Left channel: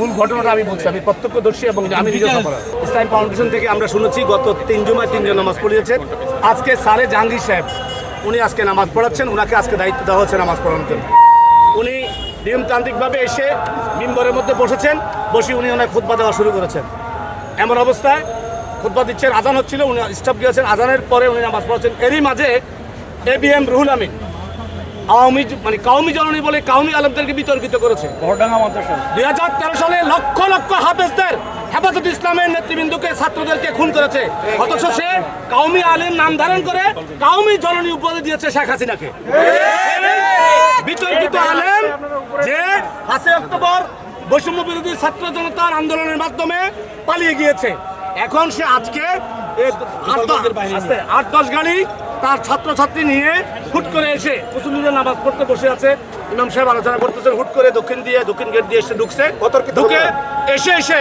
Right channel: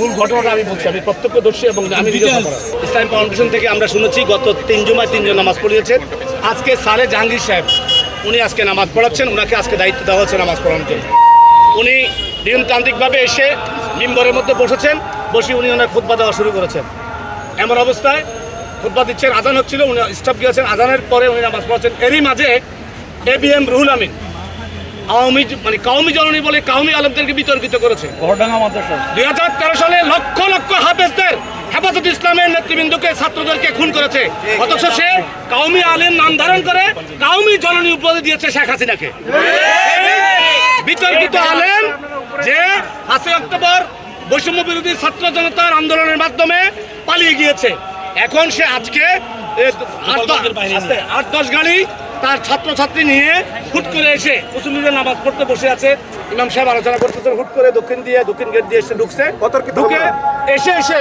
মূল ঘটনাটা আমি বলছি, আমি প্রত্যক্ষদর্শী এবং আমি নিজে সফরার। ইসলাম ফাউন্ডেশন থেকে আমরা শুনেছি গত 3 জুমায় 3 জন নামাজ পড়িয়েছেন। আজকে সালে জাহাঙ্গীর সাহেব উনি আজকে নামাজ পড়াচ্ছেন, ওনাকে আজকে দায়িত্ব দেওয়া হচ্ছে নামাজ পড়ানোর জন্য। উনি নিয়মতান্ত্রিকভাবে এসে মিম্বরের মধ্যে বসেছেন, বসে উনি ওনার খুতবা দেওয়া শুরু করেছেন। এমন অবস্থায় খুতবা দিচ্ছেন, আজান হচ্ছিল, উনি স্টপ গিয়েছেন, আজানের পরে উনি নামাজ পড়াচ্ছেন। এরই মাঝে ABM রুহুল আমিন কাউমি জননী বলে কাউমি আলেমদেরকে বিতর্কিত করেছে। 2013 সালে লক্ষ লক্ষ হাফেজদের হেফাজত ইসলামের নেতৃবৃন্দকে ছাত্রদেরকে খুন করেছে, অথচ সে কাউমি আলেম নাম ধারণ করে কাউমি জননী উপাধি দিয়েছে শেখ হাসিনাকে। বিতর্কিত আলেম যে 5 অক্টোবর বৈষম্য বিরোধী ছাত্র জনতার আন্দোলনের মাধ্যমে পালিয়ে গিয়েছে, এখন সে আজকে 8-10 গাড়ি তার ছাত্রছাত্রী নিয়ে হুট করে এসে মুসল্লিদের নামাজ পড়তে বসে আছে। ইমাম সাহেব আলোচনা করতেছেন, হুট করে দক্ষিণ গেট দিয়ে এসে ঢুকে এসে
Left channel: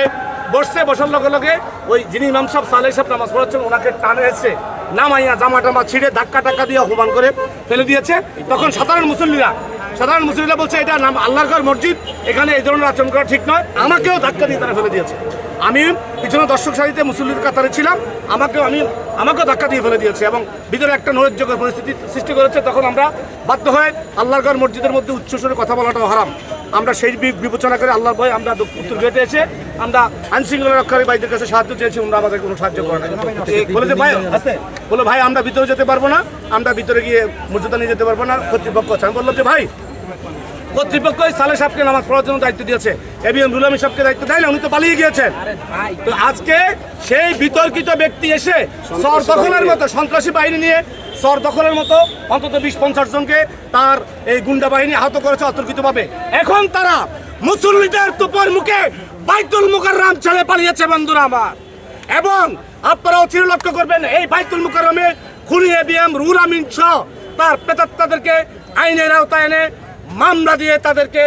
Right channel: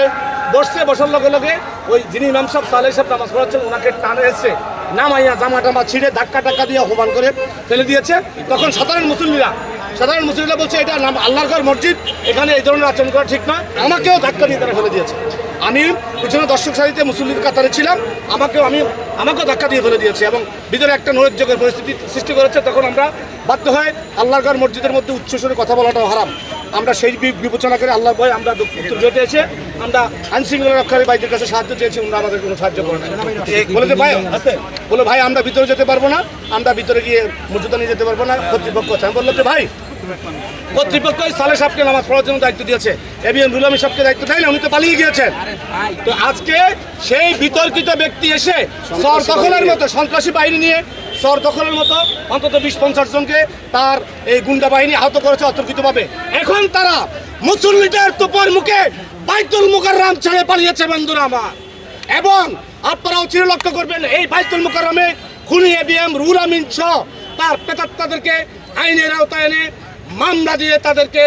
বসছে। বসার লগে লগে ওই যিনি ইমাম সাহেব সালেহ সাহেব নামাজ পড়াচ্ছেন ওনাকে টানে এসে নামাইয়া জামা টামা ছিঁড়ে ধাক্কা দিয়ে অপমান করে ফেলে দিয়েছে। তখন সাধারণ মুসল্লিরা বলছে এটা আল্লাহর ঘর মসজিদ, এখানে এই ধরনের আচরণ করা ঠিক নয়। আমাকেও ধাক্কা দিয়ে তারা ফেলে দিয়েছে। আমি পিছনে দর্শক সারিতে মুসল্লির কাতারে ছিলাম, আমাকেও ধাক্কা দিয়ে ফেলে দিয়েছে এবং ভিতরে একটা নৈরাজ্যকর পরিস্থিতি সৃষ্টি করেছে। তখন আমরা বাধ্য হয়ে আল্লাহর ঘর মসজিদের মধ্যে উচ্চস্বরে কথা বলাটাও হারাম, আমরা সেই বিবেচনা করে আল্লাহর ভয় আমরা উত্তর গেটে এসে আমরা আইনশৃঙ্খলা রক্ষাকারী ভাইদের কাছে সাহায্য চেয়েছি, ওনারা আমাদের কোনো সাহায্য করে না। বলে ভাই আমরা ভিতরে যেতে পারবো না, আমরা ভিতরে গিয়ে মর্যাদা নিয়ে যেতে পারবো না, কর্তৃপক্ষ আছে। আমি বললাম যে ভাই কর্তৃপক্ষই সালেহ সাহেবকে নামাজ পড়ার জন্য দায়িত্ব দিয়েছে, ABM রুহুল আমিন সাহেবকে দায়িত্ব দেয় না, উনি তো পালিয়ে গিয়েছেন। তো আজকে সেই বিতর্কিত ব্যক্তি এসে শহর দখলের মতো সন্ত্রাসী বাহিনী নিয়ে শহর দখলের মতো অন্তত 20-50 জনকে তার এই গুন্ডা বাহিনী আহত করেছে অতর্কিতভাবে। এখন তারা মুসল্লিদের তোপের মুখে বাইতুল মুকাররম ছেড়ে পালিয়েছে বন্ধুরা আমার। এবং আপনারাও চির লক্ষ্য করবেন এই বাইতুল মুকাররমে খুনি ABM রুহুল আমিন সহ তার প্রেতাত্মাদেরকে আইনের আওতায় এনে মামলা দিয়ে তাদেরকে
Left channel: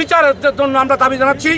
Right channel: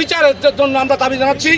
বিচারের জন্য আমরা দাবি জানাচ্ছি।